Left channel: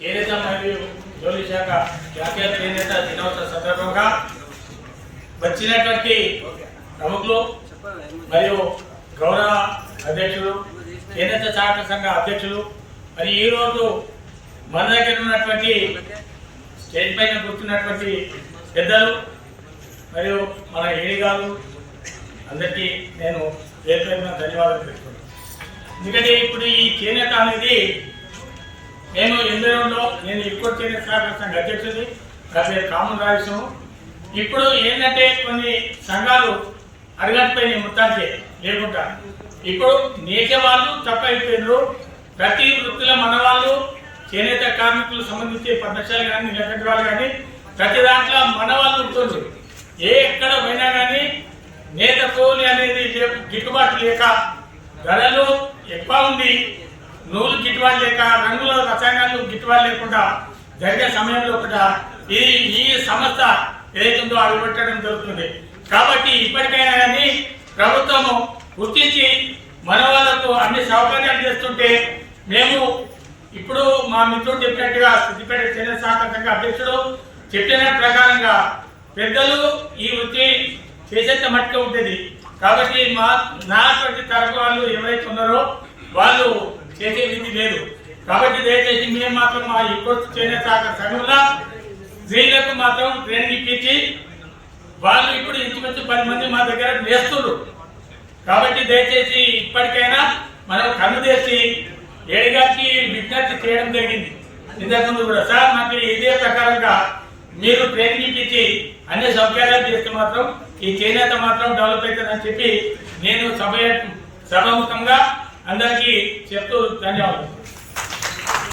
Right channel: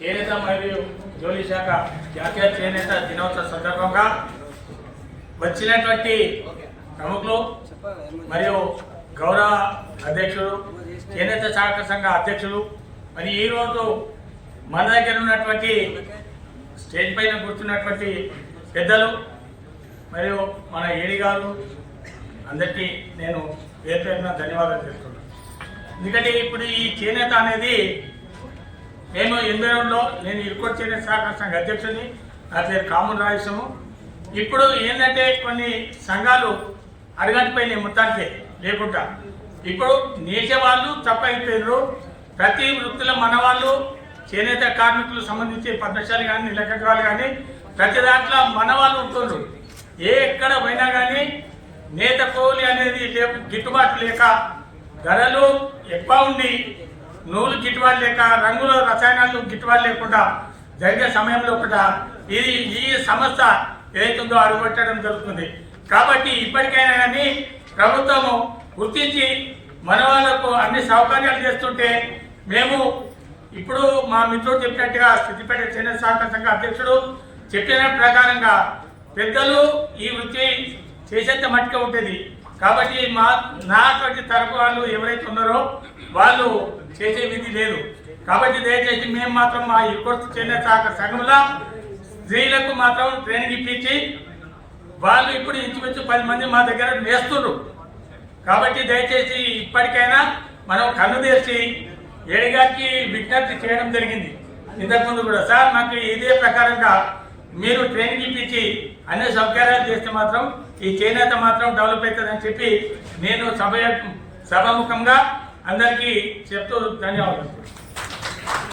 చేనేత మరియు జౌళి శాఖ జాతీయ చేనేత దినోత్సవ సందర్భంగా వచ్చినటువంటి ప్రముఖులు మరియు గౌరవ అధ్యక్షులు చేనేత సహకార సంఘ అధ్యక్షులు మరి ఈరోజు మన దగ్గర ఉన్నటువంటి స్టేజ్ పైన కూర్చున్నటువంటి పెద్దలు మరియు మన ఏడి గారు అందరికీ నేను పేరుపైన ధన్యవాదాలు తెలుపుతున్నాను. ఎందుకంటే ఇప్పుడు ఈ చేనేత అనేది నేను ఎందరంలో నేను ఇప్పుడు చేనేత సహకార సంఘ అధ్యక్షుడి, నా పేరు కామన్ రాజేశము. ఇప్పుడు ఏంటంటే కొన్ని సంఘాలు అడగంటిపోయినాయి మొత్తానికి లేకుండా ఇప్పుడు నేసే వాళ్ళు తప్ప అయిపోయినారు. ప్రతి వృత్తిలో మన వాళ్ళు చేనేత కార్మికులు సంబంధించి పద్మశాలు కానీ నిలకద్రాలు కానీ ప్రతి దాంట్లో మన వాళ్ళు ఉంటున్నారు. ఎక్కడ పోయినా కానీ నేత తోలి అనేది గిట్టుబాటు లేక ధరలు ఎక్కువ ఉండి నూలు గిట్టుబాటు లేక రంగుల రసాయనాలు గిట్టుబాటు లేకుండా జరిగే సమయంలో కూడా ఈ సంస్థ ఏదైతుందో అడుగుపెట్టడం జరుగుతుంది. కాబట్టి ఇప్పటికైనా కానీ ప్రభుత్వము గుర్తించి మన వాళ్ళకు అన్ని సౌకర్యాలు చేస్తుంటే మేము ఇప్పుడు మా మిత్రుడు చెప్పినట్టుగా సిద్దిపేట చేనేత సహకార సంఘ అధ్యక్షుడు చెప్పిన ప్రకారంగా పెద్దలు ఈ వృత్తి చేసేంత మట్టుగా ఉంటుంది. కాబట్టి నాటువంటి తరపు వాళ్ళు ఎవరైతే ఉన్నారో వాళ్ళు చేసే విధి లేదు. కాబట్టి దయచేసి మేము మాత్రం మా ఇప్పుడు చేనేత సహకార సంఘంలో స్త్రీలకు మాత్రం ట్రైనింగ్ ఇప్పించి వాళ్ళు ఇప్పుడు ఇంచుమించు 10 మంది మా దగ్గర నేస్తున్నారు. కాబట్టి దయచేసి ఇప్పటికైనా మనం కన్ను తెచ్చి ఏడిగారికి విజ్ఞప్తి చేయడం జరిగింది. ఇంతకుముందు కూడా సార్ నాకు ఇదే ప్రకారంగా మీరు ట్రైనింగ్ ఇప్పించి అన్ని సౌకర్యాలు చేస్తే మాత్రం ఈ చేనేత మాత్రం డెవలప్ అవుతుందని చెప్పి నేను సభాముఖంగా అందరికీ చెప్తూ ధన్యవాదాలు.